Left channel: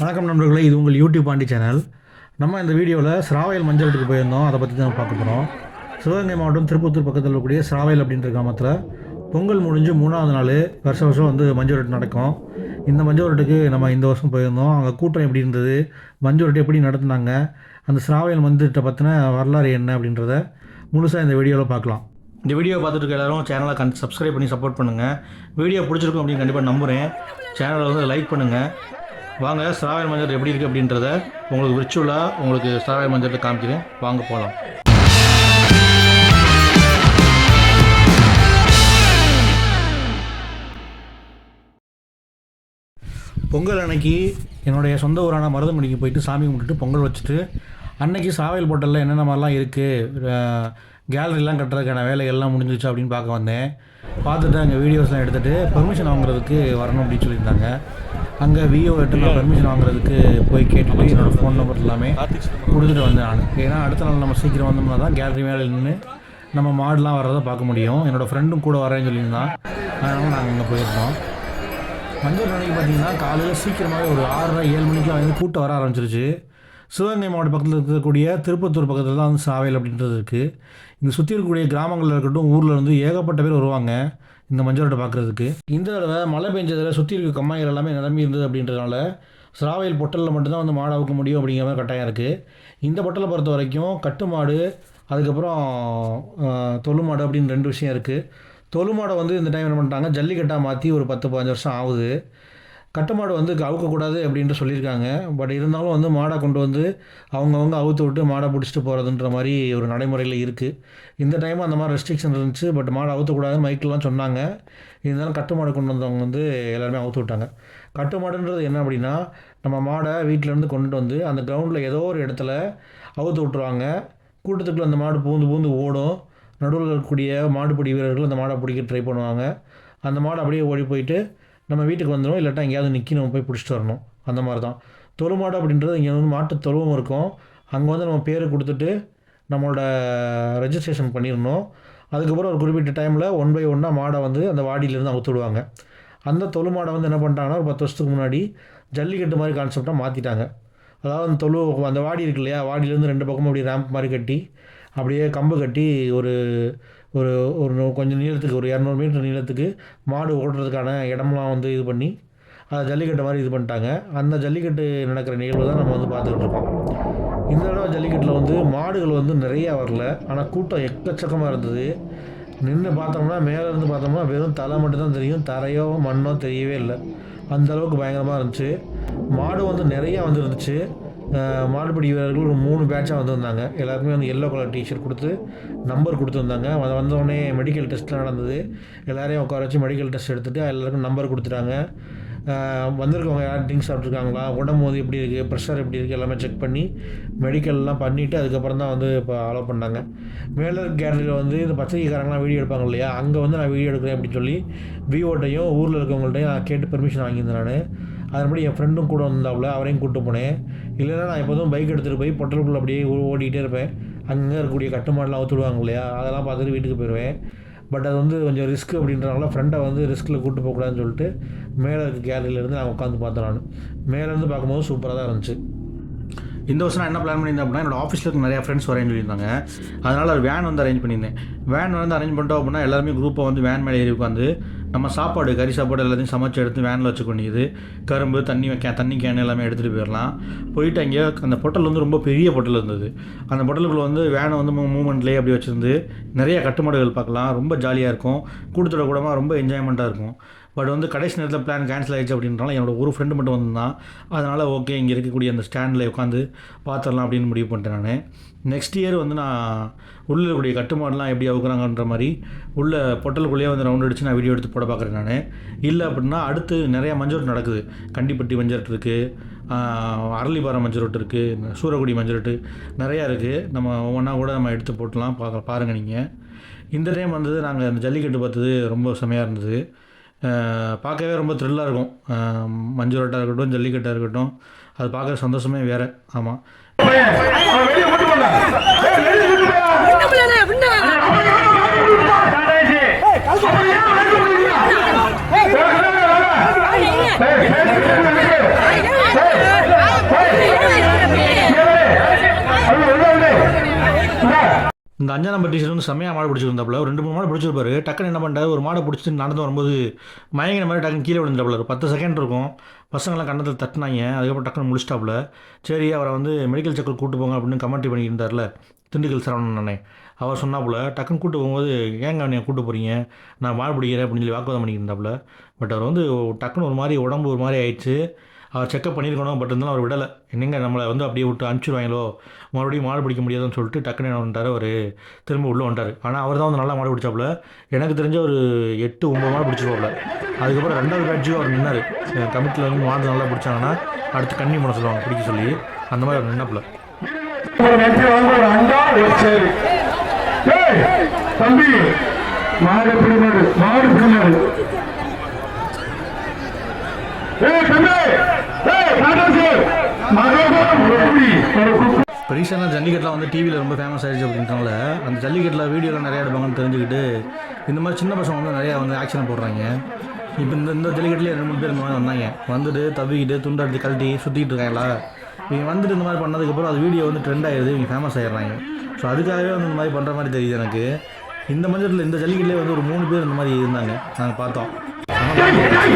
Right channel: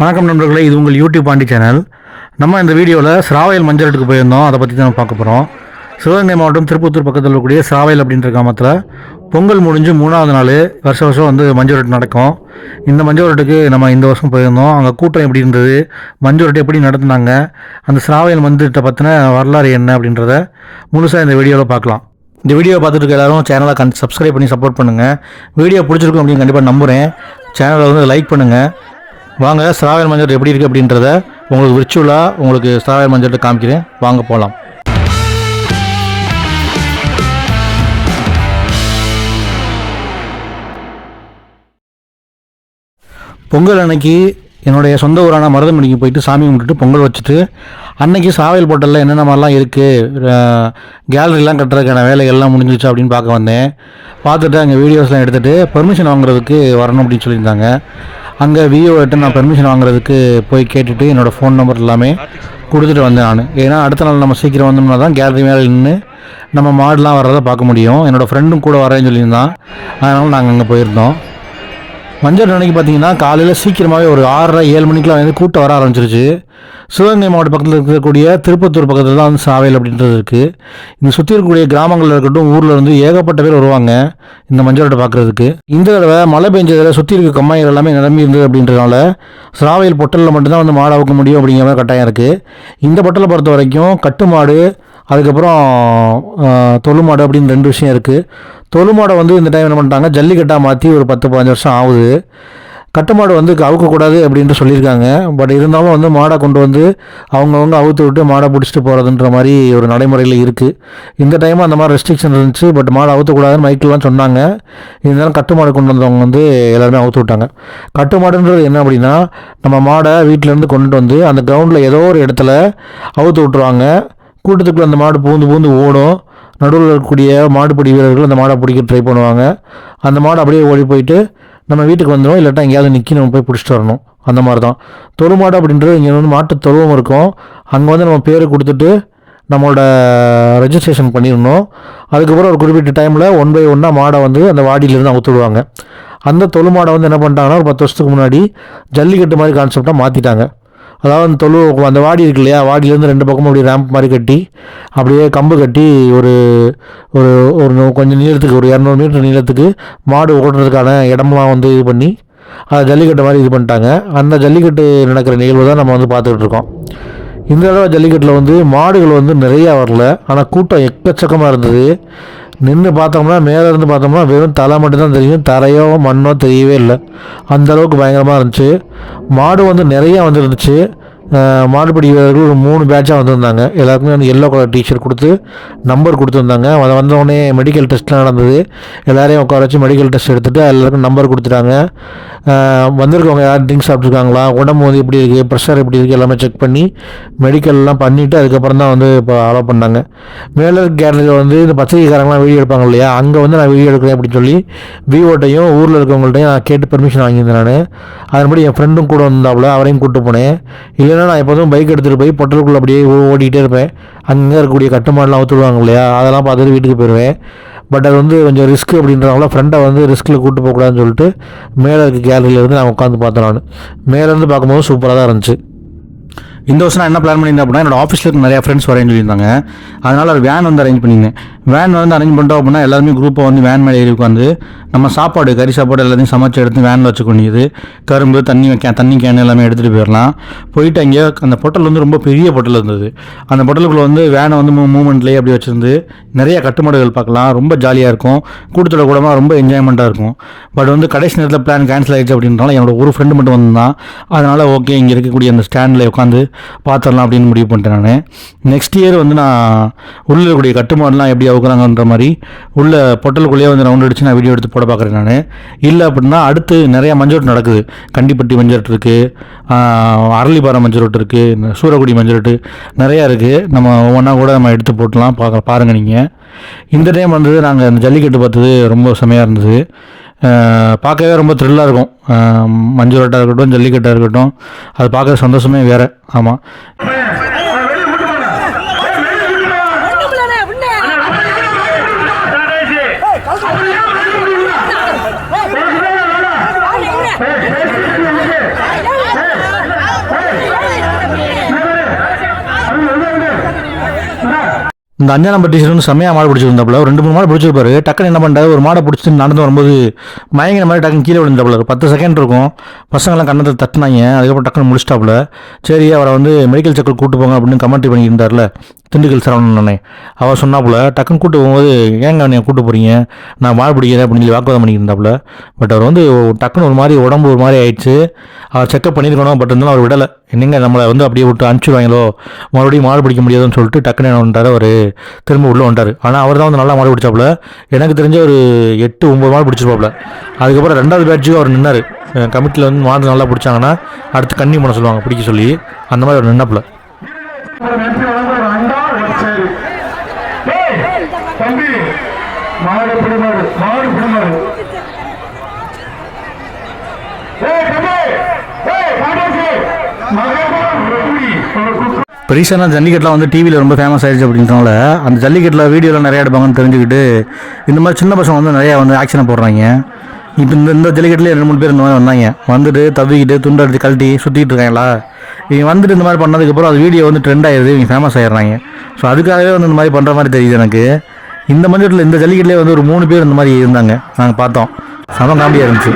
வணக்கம் நண்பர்களே இது உங்கள் யூடியூப் பாண்டி சேனல் நம்ம இந்த வீடியோவில் சிராவயல் மஞ்சளுக்கு போயிருந்தோம். அதை பற்றி தான் பார்க்க போகிறோம் சிவகங்கை மாவட்டம் திருப்பத்தூர் பக்கத்தில் இருக்கக்கூடிய சிராவயல் அப்படின்ற கிராமத்தில் பொங்கல் முடிஞ்சு மூணாவது நாள் வருஷ வருஷம் வந்து மஞ்சள் நடக்கும். இந்த மஞ்சள் நம்ம இந்த வருஷம் போயிருந்தோம். அங்கே கூட்டம் எப்படி இருந்தது? மஞ்சள் எப்படி நடத்துனாங்க? அந்த சிராவயல் மந்திரத்தை பற்றின வரலாறு என்ன அப்படின்றத முழுசாக இந்த வீடியோவில் பார்க்கலாம். இந்த வீடியோ பார்த்துட்டு இருக்க எல்லாரும் சேனலை கண் சப்ஸ்கிரைப் பண்ணி சப்போர்ட் பண்ணுங்கள் வீடியோ பிடிச்சிருக்கும் அப்படின்னு கண்டிப்பாக நம்புகிறேன் சேனலை வந்து லைக் பண்ணுங்கள் வாங்க ஸ்ராவல் மஞ்சள் எப்படி இருக்குது அப்படின்றத உங்களுக்கு விர்ச்சுவலாக உங்களுக்கு ஸ்ராவல் மஞ்சள் காமிக்கிறேன். வாங்க போகலாம் பொங்கல் அன்னைக்கு என்னுடைய சொந்த ஊரான மருதமணிக்கு போயிட்டு சாமி கும்பிட்டுட்டு பொங்கல் வச்சுட்டு அன்னைக்கு சாவல் போட்டலில் என்னென்ன மாதிரிலாம் இருக்குது கேலரிலாம் கட்டுறதுக்கான வேலைகள்லாம் முடிஞ்சிச்சு அப்படின்னு பார்க்க வந்தேன். பார்த்துட்டு அங்கே வீடியோஸ்லாம் எடுத்துகிட்டு பெர்மிஷன் வாங்குறதுக்கு வரணும் அப்படின்னு சொல்லியிருந்தாங்க. அங்கே விஓகிட்ட நான் பெர்மிஷன் வாங்குறதுக்கு போய் கேட்டுட்டு என்னோடய ஃபோன் நம்பர் எல்லாமே கொடுத்துட்டு வந்தேன் நான். ஏன்னா அடுத்த நாள் நம்ம சீக்கிரம் வந்தோம்னா தான் கேலரி மேலே நின்று நம்ம மாடெலாம் வர்றதை பார்க்க முடியும். என்னோடய ஃப்ரெண்டும் கூட வரேன்னு சொல்லியிருந்தான். அதனால் நாங்கள் அங்கே போயிருந்தோம். மஞ்சள் அன்னைக்கு பார்த்தீங்கன்னா காலையில் சீக்கிரமாகவே ஒரு ஆறரை ஏழு மணிக்கெலாம் வந்து கூட்டம் வர ஆரம்பிச்சிருச்சு. சிவகங்கை மாவட்ட பக்கத்தில் இருக்கக்கூடிய திருப்பத்தூர் பக்கத்தில் தான் வந்து சாவையில் அப்படின்றது இருக்குது இங்கே சுற்றி இருக்கக்கூடிய கிராமங்களில் இருக்கட்டும் ஊரில் இருந்து ஏகப்பட்ட பேர் வருவாங்க இந்த மஞ்சளோட பார்க்குறதுக்கு இந்த தடவை மழை பெஞ்சதில் சுற்றி இருக்க கம்மாய்கள் எல்லாமே நிரம்பி இருந்தது அப்படின்றதுனால சிராவையில் பொட்டலில் மட்டும்தான் வந்து மாடு அவுக்க முடியும் அப்படிங்கிற மாதிரி கட்டாயம் இருக்குது இந்த பொட்டலை பொறுத்த வரைக்கும் கட்டு மாடு அதுக்கப்புறம் தொழு மாடு அப்படின்னு ரெண்டு விஷயம் இருக்குது தொழு மாடை வந்து இந்த டைம் என்ன பண்ணிட்டாங்க? ஜல்லிக்கட்டாக மாற்றி ஒரு பத்து பதினஞ்சு வருஷம் ஆகுது. கட்டு மாடு வந்து அவுக்கக்கூடாது அப்படின்ட்டு சொல்லியிருக்காங்க. பட் இருந்தாலும் வந்து மாடை கொண்டு வந்து அவங்கவுங்க அவுத்து விட்டு மாடை பிடிச்சிட்டு போகிறதுன்ற மாதிரி ஒரு நடைமுறையில் இருக்குது இந்த டைம் அந்த மாதிரி ரெஸ்ட்ரிக்ஷன் இருந்துச்சு. பட் மாடை அவுத்தக்கூடாதுன்னு மைக்கெலாம் சொன்னாங்க. இருந்தாலும் கட்டு மாடு கொண்டு வந்தவங்க வந்து எல்லாருமே அவுத்து விட்டாங்க. கட்டு மாடுன்றது என்ன அப்படின்னா நம்ம மாடை வீட்டிலேருந்து கொண்டுட்டு வந்து அந்த கிரவுண்டில் ஏதோ ஒரு இடத்துல அவுத்து விட்ருவாங்க கூட்டத்துக்குள்ள அந்த மாடு பூந்து பூந்து ஓடும். நடுவில் இருக்கக்கூடிய மாடுபிடி வீரர்கள் அந்த மாடை பிடிக்க ட்ரை பண்ணுவாங்க. அந்த மாடு அப்படியே ஓடி போயிட்டு நம்ம வீட்டுக்கு வந்துடும் இல்லாட்டா எங்கேயாவது நிற்கி நம்ம போய் பிடிச்சிட்டு வரணும். அந்த மாதிரி தான் தொழுமாடு அப்படின்றது இங்கே வந்து மாட்டு தொழுவம் இருக்கும். அங்கே வந்து நம்ம பேர் கொடுத்துட்டு நம்மளோட ரெஜிஸ்ட்ரேஷன் பண்ணிடணும். அதுக்கப்புறம் ஒரு குறிப்பிட்ட டைமில் ஒன் பை ஒன்னாக மாடை வந்து அந்த வாடியிலேருந்து அவுத்துடுவாங்க அந்த தொழு மாடை வந்து என்ன பண்ணிட்டாங்கன்னா ஒரு பத்து வருஷத்துக்கு முன்னாடி ஜல்லிக்கட்டு மாதிரி கான்செப்டாக மாற்றிட்டாங்க அதாவது அந்த தொழு அந்த வாடி இருக்கு இல்லையா? வாடியிலேருந்து ரெண்டு பக்கமும் அப்படியே ரேம்ப் மாதிரி கட்டி அப்படியே கம்பு கட்டி ஒரு ஒரு ஒரு கொஞ்சம் நீளத்துக்கு ஒரு இரநூறு மீட்டர் நீளத்துக்கு மாடு ஓட்டுறதுக்கான இடம்லாம் வந்து இது பண்ணி அதை ஜல்லிக்கட்டு மாதிரி இது பண்ணிட்டாங்க. அந்த ஜல்லிக்கட்டு நடக்கிற நிகழ்வு தான் நம்ம வந்து பார்த்துக்கிட்டு இருக்கோம். இந்த தடவை ஜல்லிக்கட்டில் வந்து மாடுகள் வந்து நிறையா வரல. ஆனால் கூட்டம் எக்கச்சக்கமாக இருந்தது. நின்று பார்த்தோம்னா மேலே இருந்து பார்த்தோம்னா வெறும் தலை மட்டும்தான் தெரியும். தரையோ மண்ணோ தெரியவே இல்லை. அந்த அளவுக்கு பயங்கரமாக இருந்துச்சு. மாடு வந்து நிறையா வந்துருந்துச்சு. மாடுபிடி வீரர்கள் ஒரு மூணு பேட்சாக வந்திருந்தாங்க. எல்லாருக்குமே வந்து எல்லோ கலர் டிஷர்ட் கொடுத்து நம்பர் கொடுத்துருந்தாங்க. அதை வந்தோடனே மெடிக்கல் டெஸ்ட்லாம் நடந்தது. எல்லோரையும் உட்கார வச்சு மெடிக்கல் டெஸ்ட் எடுத்துகிட்டு எல்லாருக்கும் நம்பர் கொடுத்துட்டாங்க. வந்திருக்கவங்க யார் ட்ரிங்க்ஸ் சாப்பிட்ருக்காங்களா? உடம்பு வந்து எப்படி இருக்குது ப்ரெஷர் எப்படி இருக்குது எல்லாமே செக் பண்ணி மெடிக்கல்லாம் பண்ணிவிட்டு அதுக்கப்புறம் தான் வந்து இப்போ அலோவ் பண்ணாங்க. மேலர் கேலரியில் வந்து இந்த பத்திரிகைக்காரங்களாம் வீடியோ எடுப்பாங்க இல்லையா? அங்கே வந்து நான் வீடியோ எடுக்கிறேன் அப்படின்னு சொல்லி விவோட்டையும் ஊரில் இருக்கவங்கள்ட்டையும் நான் கேட்டு பெர்மிஷன் வாங்கியிருந்தேன் நான். அதன்படி என் ஃப்ரெண்டும் கூட வந்தாப்புல அவரையும் கூப்பிட்டு போனேன். இல்லைன்னா நான் எப்போதும் பைக் எடுத்துகிட்டு போய் பொட்டலுக்குள்ளே அப்படியே ஓடிக்கிட்டே இருப்பேன். அங்கே இருக்கக்கூடிய கட்டுமாடலாம் ஊற்றுடுவாங்க இல்லையா? அதெல்லாம் பார்த்துட்டு வீட்டுக்கு போயிடுவேன் பட் அது வந்து கொஞ்சம் ரிஸ்க் அப்படின்றவங்கள ஃப்ரெண்டை வந்து ரிஸ்கில் கூட்டு போகக்கூடாதுன்னு சொல்லிட்டு மேலே இருக்க கேலரியிலேருந்து நான் உட்காந்து பார்த்தேன் நான். மேலேருந்து பார்க்கும்போது சூப்பராக தான் இருந்துச்சு. இந்த வருஷம் நான் என்ன பிளான் பண்ணியிருந்தேன் அப்படின்னா என்னோட ஆஃபீஸில் இருக்க நிறையா ஃப்ரெண்ட்ஸ் வரேன்னு சொல்லியிருந்தாங்க அதனால் ஒரு வேன் வந்து அரேஞ்ச் பண்ணியிருந்தேன். வேன் வந்து அரேஞ்ச் பண்ணிட்டோம் அப்படின்னா எல்லாருமே குரூப்பாக வந்து வேன் மேலே ஏறி உட்காந்து நம்ம சாப்பாடு கறி சாப்பாடு எல்லாத்தையும் சமைச்சு எடுத்து வேனில் வச்சுக்க வேண்டியது. கரும்பு தண்ணி கே தண்ணி கேன் எல்லாமே எடுத்துகிட்டு போயிடலாம். போயிட்டு அங்கே அந்த பொட்டல் வந்து ரொம்ப பெரிய பொட்டல் இருந்தது. அந்த பொட்டலுக்குள்ளே வந்து வேனை வந்து மூமெண்ட்லேயே அப்படி வச்சுருந்து நிறைய கட்டுமாடுகள் பார்க்கலாம். ரொம்ப ஜாலியாக இருக்கும். கூட்டத்தோட கூடமாக ரொம்ப என்ஜாய்மெண்ட்டாக இருக்கும். பட் வந்து கடைசி நேரத்தில் பிளான் கேன்சல் ஆகிடுச்சு அப்படின்றனால என்னோட ஒரு ஃப்ரெண்டு மட்டும் வந்தான். அதனால் ஓகே இங்கே இருக்கக்கூடிய அந்த ஸ்டாண்டில் உட்காந்து பார்த்துடலாம் அப்படின்னு முடிவு பண்ணிட்டேன் நான். நெக்ஸ்ட் இயர் வந்து நான் உள்ளக்கூடிய இருக்கக்கூடிய கட்டுமாடெலாம் எப்படி அவுக்குறாங்கன்ற மாதிரி உள்ள பொட்டலுக்குள்ளேயே வந்து ரவுண்ட் அடிச்சு நான் வீடியோ எடுத்து போட பார்க்குறேன் நான். இல்லை அப்படின்னா அடுத்து நிறையா மஞ்சோட்டு நடக்குது. கண்டிப்பட்டி மஞ்சோட்டு இருக்குது அரளிபாறை மஞ்சரோட்டு இருக்குது சூரக்குடி மஞ்சரோட்டு நிறையா இருக்குது நம்ம ஒவ்வொன்றா கூட நம்ம எடுத்து போட்டலாம் பார்க்க பாருங்கள் நீங்கள் இந்த டைம் வந்து நாங்கள் இந்த ஜல்லிக்கட்டு பார்த்தது ரொம்ப செமையாக இருந்தது. பார்க்கவே ரொம்ப த்ரில்லாக இருக்கும். மஞ்சள் ரோட்டாக இருக்கட்டும் ஜல்லிக்கட்டாக இருக்கட்டும். அது பார்க்குற சந்தோஷமே வேறு. ஆமாம் இந்த அஞ்சா நம்பர் டீச்சர் வந்து செம்மையாக மாடு பிடிச்சிருந்தாப்புல. ஒரு ரெண்டு மூணு மாடு பிடிச்சிருப்பாரு. டக்குன்னு என்ன பண்ணுறாரு ஒரு மாடை பிடிச்சி நடந்து வரும்போது மயங்கின மாதிரி டக்குன்னு கீழே விழுந்தாப்புல ஒரு பத்து செகண்ட் இருக்கும். பசங்களாம் கண்ணத்தில் தட்டினாங்க. அதுக்கப்புறம் டக்குன்னு முடிச்சிட்டாப்புல. சரி அவரை வந்து மெடிக்கல் செக்கல் கூட்டு போங்க அப்படின்னு கமெண்ட்ரி பண்ணியிருந்தார்ல திண்டுக்கல் சரவணன். அண்ணே அவர் சொன்னாப்புல டக்குன்னு கூட்டு போகும்போது ஏங்க நீங்கள் கூட்டு போகிறீங்க நான் மாடு பிடிக்கிறேன் அப்படின்னு சொல்லி வாக்குவாதம் பண்ணியிருந்தாப்புல பட் அவர் வந்து டக்குன்னு ஒரு மாதிரி உடம்பு ஒரு மாதிரி ஆயிடுச்சு. அவர் செக்கப் பண்ணியிருக்கணும். பட் இருந்தாலும் அவர் விடலை. என்னங்க நம்மளை வந்து அப்படியே விட்டு அனுப்பிச்சிடுவாங்களோ மறுபடியும் மாடு பிடிக்க முடியாதுன்னு சொல்லிட்டு டக்குன்னு என்ன பண்ணிட்டாரு அவர் திரும்ப உள்ளே வந்தார் ஆனால் அவர் தான் வந்து நல்லா மாடு பிடிச்சாப்புல. எனக்கு தெரிஞ்ச ஒரு எட்டு ஒம்பது மாடு பிடிச்சிருப்பாப்புல. அதுக்கப்புறம் ரெண்டாவது பேட்சுக்கு அவர் நின்னார். கமிட்டியில் வந்து மாடு நல்லா பிடிச்சாங்கன்னா அடுத்து கன்னி பண்ண சொல்லுவாங்க பிடிக்க சொல்லி. அந்த மாதிரி அவர் நின்னாப்புல. தம்பி மாடு பிடிமாடு மாடு பிடிமாடு ஏய் தம்பி ஏய் மாட்டாசு மகேபுரம் எப்படி ஒரு குக்கு இப்போ ரீசெண்டாக ஜல்லிக்கட்டுலாம் வந்து டிவியில் ரொம்ப ஃபேமஸ் ஆயிடுச்சு அப்படின்றனால அந்த ஜல்லிக்கட்டில் வீடியோலாம் நிறையா எடுப்பாங்கன்னு தெரிஞ்சுக்கிட்டு இந்த மாதிரி சின்ன பசங்க வந்து நிறையா வந்து ஆக்ஷனை போடுறாங்க. இப்போ இந்த இந்த ஜல்லிக்கட்டுலேயே ரெண்டு மூணு பேர் இந்த மாதிரி வந்தாங்க. வந்துட்டு தவிக்கிட்டு துண்டு கழட்டி சுற்றிக்கிட்டு இருக்காங்களா? இவங்க வந்துட்டு இந்த மாதிரி பண்ணதுக்கப்புறம் அது வீடியோ வந்து ட்ரெண்ட் ஆயிடுது இவங்க ஃபேமஸ் ஆயிடுறாங்க. ஸோ அதுக்காகவே வந்து இந்த மாதிரி பண்ணுற மாதிரி தெரியுது எனக்கு. இந்த மஞ்சட்டில் இந்த ஜல்லிக்கட்டுலேயே வந்து ஒரு மூணு பேர் இந்த மாதிரி இருந்தாங்க. நாங்கள் பார்த்தோம். செம காண்டியாக இருந்துச்சு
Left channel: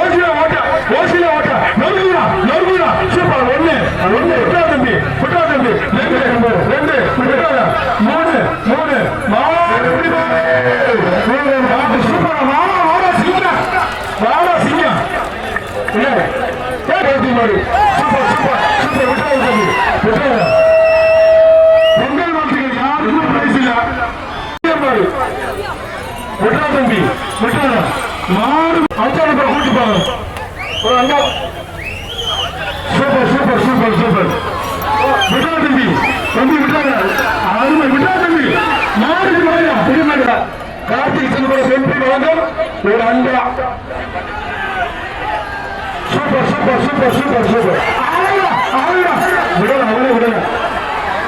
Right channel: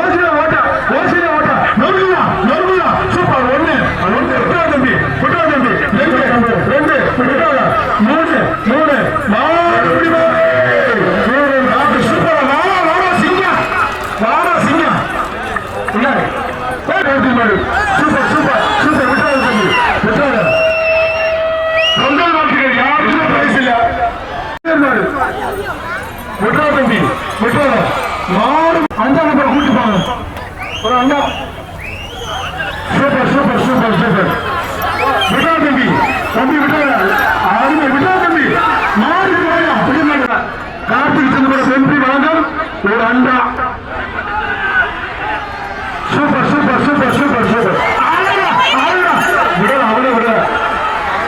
ஓசில ஓட்ட ஓசில ஓட்ட நோக்கியா நோக்கியா சூப்பர் ஒண்ணு ஒண்ணு விட்டா தம்பி விட்டா தம்பி ரெண்டு ரெண்டு விட்டாத மூணு மூணு மாடு மூணு நாலு சூப்பர் வாடா வாடா சிங்க வாடா சிங்க இல்ல ஏய் மாடு சூப்பர் சூப்பர் சூப்பர் விட்டாத தம்பி விட்டாத பொங்கல் நாட்டுக்கு யாருக்கும் பிரைஸ் இல்ல மாடு விட்டா தம்பி விட்டா மாடு அஞ்சா ஒரு அண்ணா சூப்பர் சூப்பர் சூப்பர் சூப்பர். விட்டா தம்பி தம்பி விட்டா அருமை விட்டா தம்பி மாடு மாடு அப்படி மாடுடா கார்த்திக் சின்னப்பட செம்பி வழங்கம் ஒரு அண்டா. Super super super super super. விடல அவனே விடல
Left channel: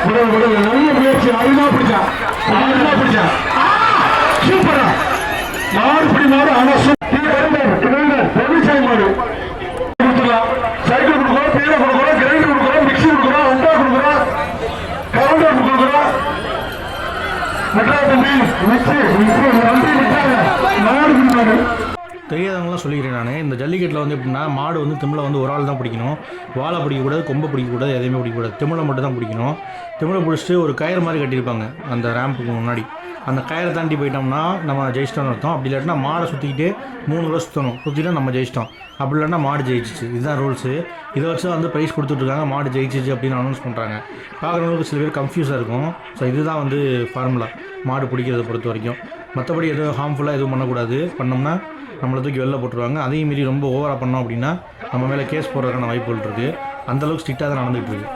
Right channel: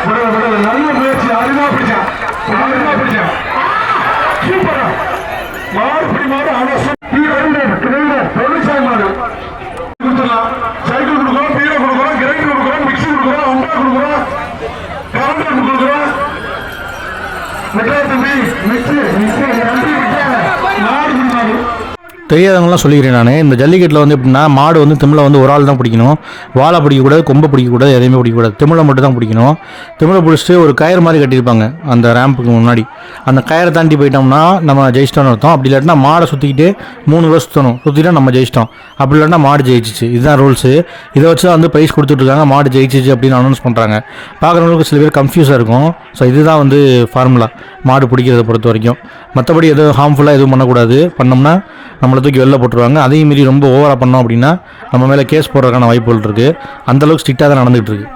விடல விடல நல்ல முயற்சி. அருமா பிடிச்சான் அருமா பிடிச்சான் சூப்பர். மாடு பிடி தெரியாதவங்களாம் சொல்லிக்கிறேன் நான். இந்த ஜல்லிக்கட்டில் வந்து எப்படின்னா மாடு வந்து திமிழை வந்து ஒரு ஆள் தான் பிடிக்கணும். வாழை பிடிக்கக்கூடாது கொம்பை பிடிக்கக்கூடாது எதையுமே பிடிக்கக்கூடாது. திமிழை மட்டும் தான் பிடிக்கணும். திமிழை பிடிச்சிட்டு ஒரு கயிறு மாதிரி கட்டியிருப்பாங்க அந்த ரேம்புக்கு முன்னாடி. அந்த கயரை தாண்டி போயிட்டோம்னா நம்ம ஜெயிச்சிட்டோம்னு அர்த்தம். அப்படி இல்லாட்டினா மாடை சுற்றிக்கிட்டு மூணு வருஷம் சுற்றணும் சுற்றிட்டா நம்ம ஜெயிச்சிட்டோம். அப்படி இல்லாட்டினா மாடு ஜெயிச்சிச்சு. இதுதான் ரூல்ஸு இதை வச்சு தான் வந்து ப்ரைஸ் கொடுத்துட்ருக்காங்க மாடு ஜெயிச்சிச்சு அப்படின்னு அனௌன்ஸ் பண்ணுறாங்க பார்க்குறவங்களுக்கு சில பேர் கன்ஃபியூஸாக இருக்கும். ஸோ இதுதான் வந்து ஃபார்முலா மாடு பிடிக்கிறத பொறுத்த வரைக்கும். மற்றபடி எதுவும் ஹார்ம்ஃபுல்லாக எதுவும் பண்ணக்கூடாது. பண்ணோம்னா நம்மளை தூக்கி வெளில போட்டுருவாங்க. அதையும் மீறி ரொம்ப ஓவராக பண்ணோம் அப்படின்னா நம்ம மேலே கேஸ் போடுறதுக்கான வாய்ப்புகள் இருக்குது அந்தளவுக்கு ஸ்ட்ரிக்டாக தான் நடந்துகிட்டு இருக்கு.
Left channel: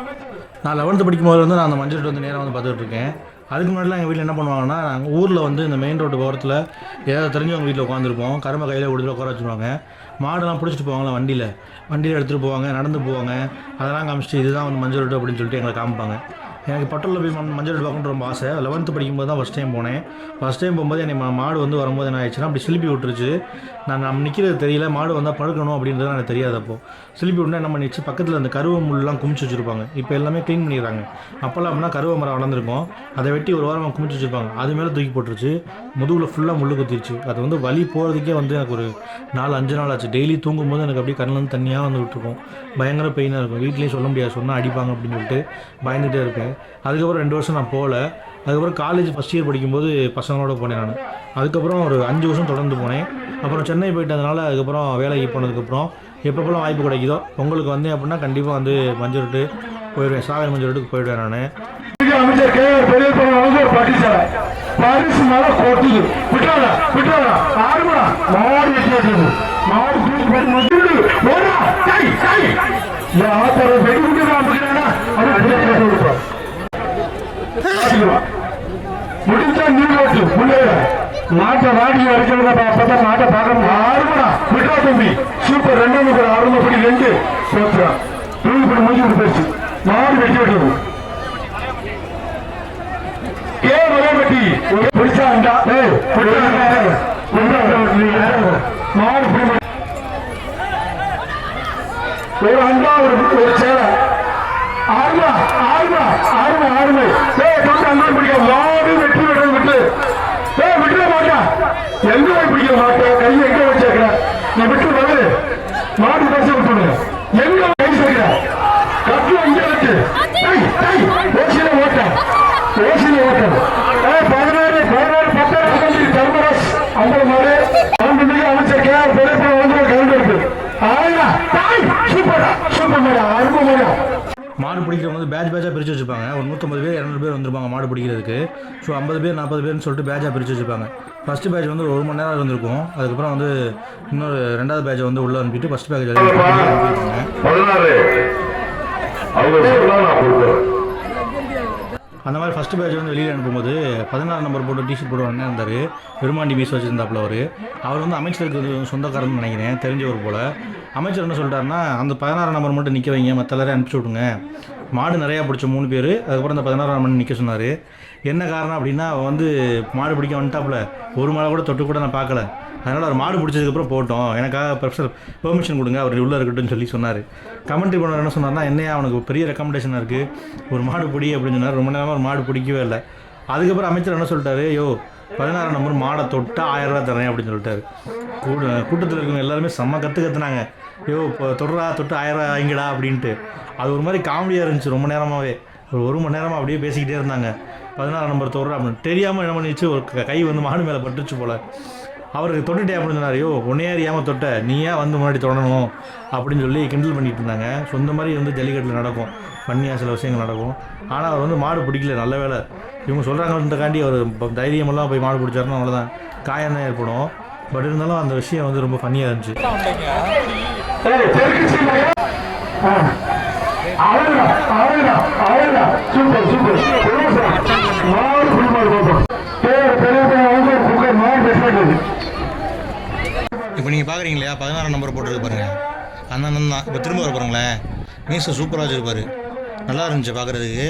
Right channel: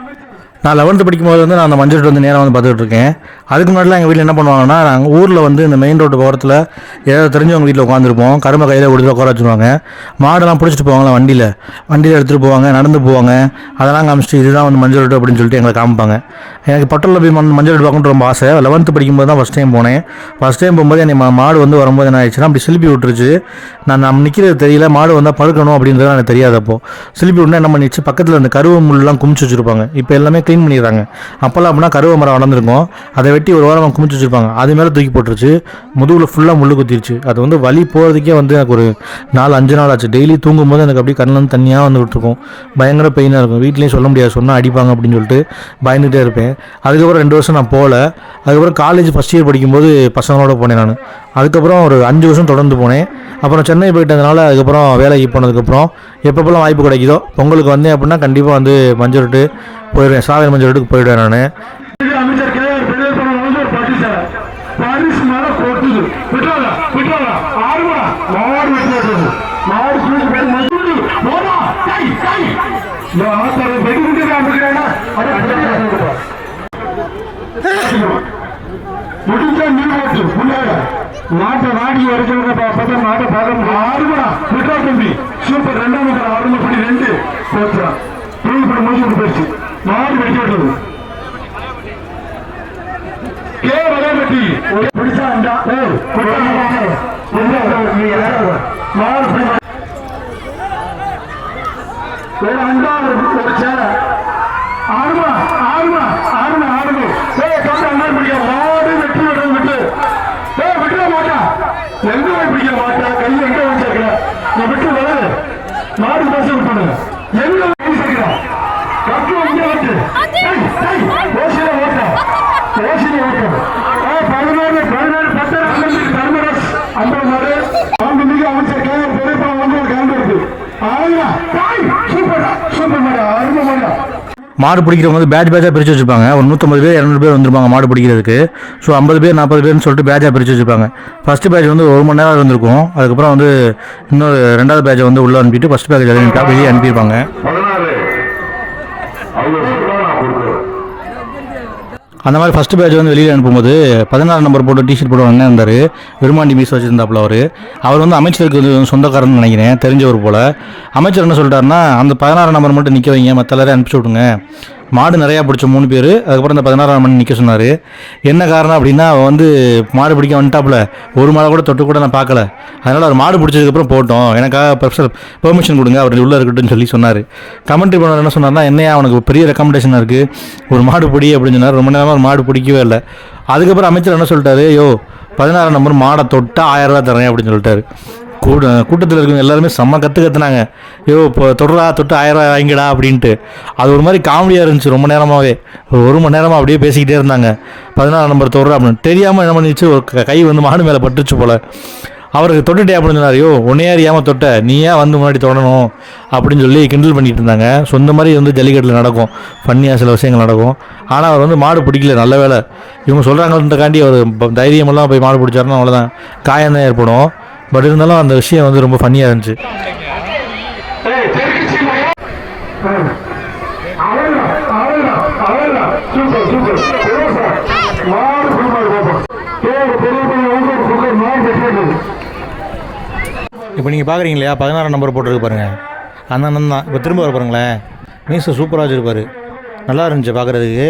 நான் லெவன்த்து படிக்கும்போது வந்து நான் அந்த மஞ்சள் வந்து நேராக வந்து பார்த்துட்டு இருக்கேன். அதுக்கு முன்னாடிலாம் எங்கள் வீட்டில் என்ன பண்ணுவாங்கன்னா நாங்கள் ஊரில் வந்து இந்த மெயின் ரோடு ஓரத்தில் ஏதாவது தெரிஞ்சவங்க வீட்டில் உட்காந்துருப்போம் கரும்பை கையில் கொடுத்து உட்கார வச்சுருவாங்க. மாடெல்லாம் பிடிச்சிட்டு போவாங்களா வண்டியில்? வண்டியில் எடுத்துகிட்டு போவாங்க நடந்து போவாங்க. அதெல்லாம் காமிச்சிட்டு இதுதான் வந்து மஞ்சள் ரோடு அப்படின்னு சொல்லிட்டு எங்களை காமிப்பாங்க. எனக்கு பட்டலில் போய் மண் மஞ்சள் ரோடு பார்க்கணுன்னு ரொம்ப ஆசை. லெவன்த்து படிக்கும்போது தான் ஃபஸ்ட் டைம் போனேன். ஃபஸ்ட் டைம் போகும்போது என்னை மாடு வந்து வரும்போது என்ன ஆயிடுச்சுன்னா அப்படி சிலிப்பி விட்டுருச்சு. நான் நம்ம நிற்கிறது தெரியல. மாடு வந்தால் பழுக்கணும் அப்படின்றது எனக்கு தெரியாதப்போ சிலிப்பி விட்டுனா என்ன பண்ணிச்சு பக்கத்தில் இந்த கருவ முள்ளெலாம் குமிச்சு வச்சுருப்பாங்க. இப்போ எல்லாமே க்ளீன் பண்ணிடுறாங்க. அப்போல்லாம் அப்படின்னா கருவ மரம் வளர்ந்துருக்கும். அதை வெட்டி ஒரு வாரம் குமிச்சு வச்சுருப்பாங்க. அது மேலே தூக்கி போட்டுருச்சு. முதுகில் ஃபுல்லாக முள்ளு குத்திருச்சு. அது வந்து வலி போகிறதுக்கே வந்து எனக்கு ஒரு நாலு அஞ்சு நாள் ஆச்சு. டெய்லி தூங்கும்போது எனக்கு அப்படியே கண்ணில் வந்து தண்ணியாக வந்து விட்டுருக்கும். பயங்கர பெயினாக இருக்கும். வீட்லேயும் சொல்ல முடியாது. சொன்னால் அடிப்பாங்க அப்படின்னு சொல்லிட்டு பயந்துகிட்டே இருப்பேன். அதுக்கப்புறம் ரெண்டு வருஷம் நான் போகல. அதுக்கப்புறம் காலேஜ் ஃபஸ்ட் இயர் படிக்கும்போது பசங்களோட போனேன் நான். அதுக்கப்புறம் ஒரு அஞ்சு வருஷம் தொடர்ந்து போனேன். அப்புறம் சென்னை போயிட்டதுனால அதுக்கப்புறம் வேலைக்கு போனதுக்கப்புறம் எப்பப்பெல்லாம் வாய்ப்பு கிடைக்குதோ பொங்கலுக்கு வந்தேன் அப்படின்னா கண்டிப்பாக வந்து மஞ்சள் விட்டு போயிடுவேன். சாவியல் மஞ்சள் விட்டுக்கு போயிடுவேன் நான். அமைச்சர் கே விட்டாரா விட்டாரா ஆறுமா மாடு விட்டு மாடு தூக்கி போய் முதுகுடு போடா. கை கை முடிஞ்சா நீங்க வச்சு முன்னேற மாட்டை வாடி வரைக்கும் அப்பதான் மாட்டை பார்க்கணும் ஆறுமா விட்டா தம்பி. சூப்பர். ரெண்டாம் ரெண்டு. போச்சு மாடு வெட்டி விட்டது ஏ வளர்மட்டி பிடிச்சாண்டா ஏய் மாடு ஒரு அண்டா ஒரு ஒரு சேலை ஆறுமா ஆறுமா ஆறுமா ஆறுமா ஏய் தொட்டு அங்கே பிடிக்க மாடு வெற்றி விடுறது விட்டு ஏய் விட்டுற மாட்டா எங்க போய் பிடிக்க மாட்டா கையை எங்க வச்சிருக்கிற நீ விட்டு விடு மாடு பஸ் விட்டுடுங்க எங்க கை சேர்க்கிற கட்டு வந்து ஓசியில ஓட்ட ஓசியில ஓட்ட ஏய் பதினேழு பதினேழு பத்து அகந்து தர்மராஜ் அந்த மாடு ஆண்டு அமைச்சர் கே பெரிய வந்து கலந்து இருக்கு ஆயா டேய் சூப்பர் சூப்பர் மாடு பிடிக்கிறவங்க வந்து பேட்ச் பேட்சாக பிரித்து வச்சுருப்பாங்க. ஒரு நூற்றம்பது பேர் இரநூறு பேர் வந்துருப்பாங்க மாடு பிடிக்கிறதுக்கு. ஸோ ஐம்பது பேர் நாற்பது பேர்னு சொல்லிட்டு பேட்சாக பிரித்து வச்சுருப்பாங்க. ஃபஸ்ட்டு பேட்ச் வந்து ஒரு மணி நேரம் இருந்திருக்கும். அதுக்கப்புறம் வந்து இன்னொரு ரெண்டாவது பேட்சை வந்து உள்ளே அனுப்பிட்டு ஃபஸ்ட் பேட்ச் வெளியே அனுப்பியிருப்பாங்க. அந்த மாதிரி ஃபஸ்ட்டு பேட்ச் வந்து வெளியில் அனுப்பும்போது பதினாறு நம்பர் போட்டு டிஷர்ட் போட்டு அண்ணன் இருந்தார். விருமாண்டி மீஸ் வச்சுருந்தாப்புல அவர். அவர் வந்து அமைச்சருக்கு வந்து சொந்தக்காரன்னு நினைக்கிறேன். தெரிஞ்சவர் போல். அமைச்சர் என்ன சொல்லிட்டாருன்னா அந்த பதினாறு நம்பர் மட்டும் நிற்க வைங்க மற்ற எல்லாரையும் அனுப்பிச்சி விட்டுங்க மாடு நிறையா பிடிச்ச மூணு பேர். அதுக்கப்புறம் இந்த பதினாறாம் மணி நிற்க சொன்னார். என்ன காரணம் அப்படின்னா அவன் வந்து மாடு பிடிக்க வந்துட்டாப்புல. ஒரு மாடை கூட தொட்டு கூட நான் பார்க்கல. அதனால் அவர் மாடு பிடிச்சதுக்கப்புறம் போட்டோம். எனக்காக பெர்சல் பெர்மிஷன் கொடுங்க அவர் உள்ளே இருக்கட்டும்னு சொல்லி சொன்னார். கமெண்ட்ரி பண்ண என்ன சொன்னார்னா என்னையா அவனுக்கு பெரிய ரெக்கமெண்டேஷனாக இருக்குது ஒரு மாடு பிடி அப்படின்னு சொன்னார். ரொம்ப நேரமாக ஒரு மாடு பிடிக்கவே இல்லை. அதுக்கப்புறம் அமைச்சர் என்ன சொல்லிட்டாரு? யோ பதினாறாம் நம்பர் மாடை தொட்டால் ஆயிரம் ரூபா தரேன் அப்படின்னு சொல்லிட்டாரு. கூட கூட்டத்தில் இருக்கவங்க எல்லாருமே செம்ம கற்று கத்துனாங்க. ஐயோ இப்போ தொடுறா தொட்டு ஆயிரம் ரூபாய் வாங்கிடா அப்படின்ட்டு. அது ஒரு மாதிரி காமெடியாக இருந்துச்சு ரொம்ப நேரமாகவே ஒரு ஒரு மணி நேரமாக அப்படியே பேசிக்கிட்டே இருந்தாங்க. பதினாறு நம்பர் தொடரா அப்படின்னு. தெரியாமல் என்ன பண்ணிச்சு? ஒரு கை வந்து மாடு மேலே பட்டுச்சு போல். அவருக்கு தொட்டுட்டே அப்படின்னு சொன்னார். ஐயோ உன்னையே அறியாமல் தொட்ட? நீ ஏன் வந்து முன்னாடி தொடணும்? அப்படின்னு சொல்லி கிண்டல் பண்ணிட்டு இருந்தாங்க. ஸோ மாதிரி வந்து ஜல்லிக்கட்டில் நடக்கும். பண்ணியாக சில விஷயங்கள் நடக்கும். ஆனால் அவர் வந்து மாடு பிடிக்கல. நல்ல வேலை. இவங்க சொல்கிறாங்கன்றக்காண்டி அவர் தைரியமெல்லாம் போய் மாடு பிடிச்சாருன்னா அவ்வளோதான் காயம் தான் ஏற்படும். பட் இருந்தாலும் அந்த விஷயம் வந்து ரொம்ப ஃபன்னியாக இருந்துச்சு. இப்போ நீங்கள் பார்க்குறீங்க இல்லையா? பதினாறு நம்பர் போட்டிருக்கு பாருங்க. அந்த அண்ணன் தான். இப்போ திரும்ப வர பாருங்களேன் மீச சூப்பராக வச்சுருப்பாரு. நல்லா இருந்துச்சு பார்க்குறதுக்கு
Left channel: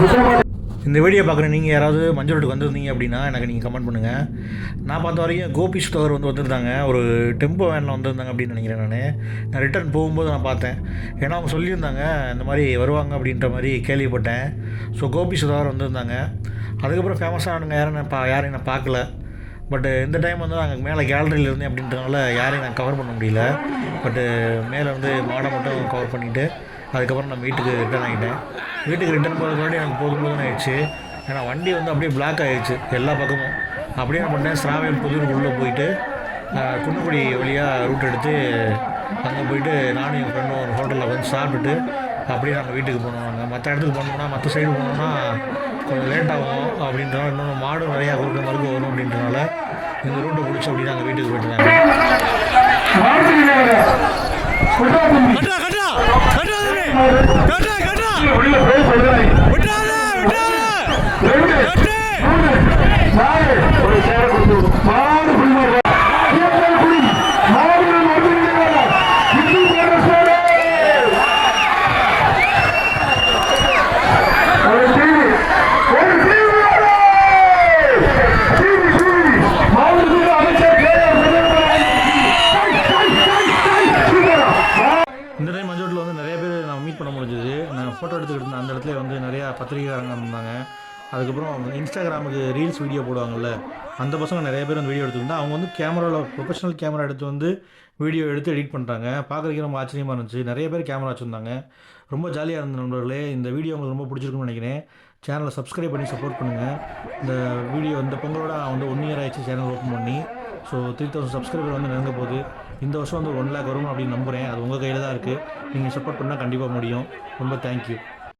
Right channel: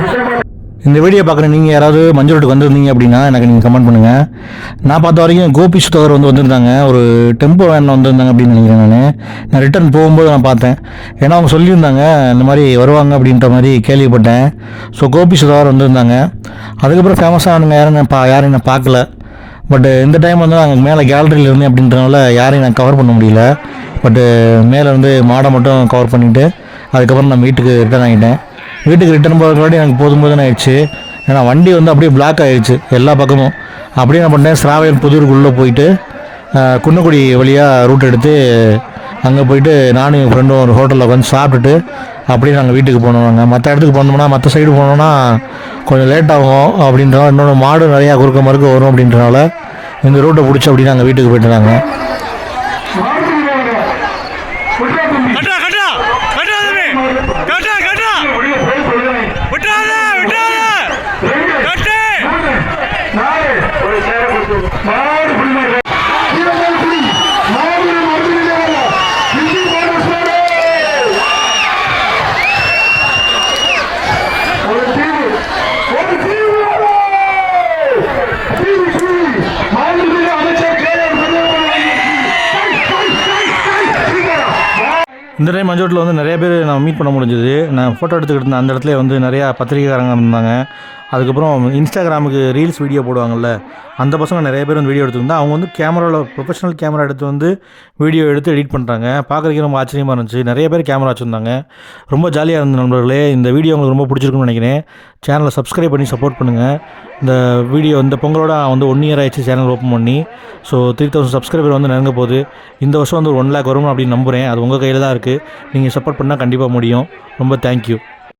மில்லியன் இந்த வீடியோ பார்க்குற நீங்கள் யாராவது மஞ்சள் வந்திருந்தீங்க அப்படின்னா எனக்கு நீங்கள் கமெண்ட் பண்ணுங்கள் நான் பார்த்த வரைக்கும் கோபி சுத்தவர் வந்து வந்திருந்தாங்க. ஒரு டெம்போ வேனில் வந்திருந்தாங்க அப்படின்னு நினைக்கிறேன் நான். நான் ரிட்டர்ன் போகும்போது நான் பார்த்தேன். ஏன்னா அவங்க சொல்லியிருந்தாங்க இந்த மாதிரி வருவாங்க அப்படின்ற மாதிரி கேள்விப்பட்டேன். ஸோ கோபி சுத்தவர் வந்திருந்தாங்க. அதுக்கப்புறம் ஃபேமஸானவங்க யாரும் நான் பா யாரும் நான் பார்க்கல. பட்டு இந்த டைம் வந்து நாங்கள் மேலே கேலரியில் இருந்தேன் அப்படின்றனால யாரையும் நான் கவர் பண்ண முடியல. பட்டு மேலே வந்து மாடை மட்டும் கவர் பண்ணிவிட்டு அதுக்கப்புறம் நான் வீட்டுக்கு ரிட்டர்ன் ஆகிட்டேன் வீட்டுக்கு ரிட்டர்ன் முன்னாடி எனக்கு போதும் போதுன்னு ஆயிடுச்சு. ஏன்னா வண்டி வந்து அப்படியே பிளாக் ஆயிடுச்சு எல்லா பக்கமும். அப்படியே என்ன பண்ணேன் ஸ்ராவையல் புதூருக்குள்ளே போயிட்டு குன்னக்குடி வழியாக ரூட் எடுத்து அங்கே போயிட்டு நானும் என் ஃப்ரெண்டும் ஒரு ஹோட்டலில் உட்காந்து சாப்பிட்டுட்டு அப்படியே நாங்கள் வீட்டுக்கு போனோம் நாங்கள் மற்ற இடத்துக்கு போனோம்னா மற்ற சைடு போனோம்னா கொஞ்சம் லேட் ஆகும் அப்படின்றனால இன்னொன்று மாடு நிறையா குறுக்க மறுக்க வரும் அப்படின்றனால இந்த ரூட்டை பிடிச்சி அப்படி நாங்கள் வீட்டுக்கு போயிட்டு நாங்கள் கட்டா கட்டா கட்டா தம்பி கட்டா கட்டா உள்ள போய் சொல்றேன் விட்டாத விட்டாத கட்டு நாலு ஒரு சேர கொடுத்து நாலு குடும்பம் இருபது குடி நாலு மருந்து இந்தி மாநகர ஒரு டிவி ஒரு டிவி டிவி சூரி மாநில அமைச்சர் கே இந்த வந்து நிறைய பேர் நான் மீட் பண்ண முடிஞ்சது. நான் ஃபோட்டோ எடுத்துக்கிட்டு இருந்தேன் அந்த இடத்துல வந்து நிறையா பத்திரிகைக்காரங்க இருந்தாங்க அதுக்கப்புறம் இன்ஸ்டாகிராமுக்கு ரீல்ஸ் வீடியோ போடுவாங்கல்ல அந்த பசங்க நிறைய பேர் வந்து வீடியோ எடுத்துருந்தா அவங்க வந்து கேமராவில் ப்ரொஃபஷனல் கேமரா எடுத்து வந்து வீடியோ எடுத்து எடிட் பண்ணுறாங்க பார்க்குறதுக்கு ரொம்ப ஆச்சரியமாக இருந்துச்சு. நிறைய பேர் கேமரா வச்சுருந்தாங்க. ரொம்ப ஜாலியாக இருந்த நண்பர்களே. இந்த வீடியோ உங்களுக்கு ரொம்ப பிடிச்சிருக்குன்னு நினைக்கிறேன். சேனலை சப்ஸ்கிரைப் பண்ணி சப்போர்ட் பண்ணுங்கள் இந்த வீடியோ இந்த பொங்கலோட வந்து ஒன் இயர் ஆயிடுச்சு சேனல் ஓப்பன் பண்ணி. ஸோ த்ரீ தௌசண்ட் சப்ஸ்கிரைபர் வந்து நெருங்க போகுது. இந்த வருஷம் வந்து ஒரு ஒன் லேக் வரும் அப்படின்னு நம்புகிறேன் அது உங்கள் கையில் தான் இருக்குது நீங்கள் சப்போர்ட் பண்ணால் கண்டிப்பாக முடியும். ரொம்ப தேங்க்யூ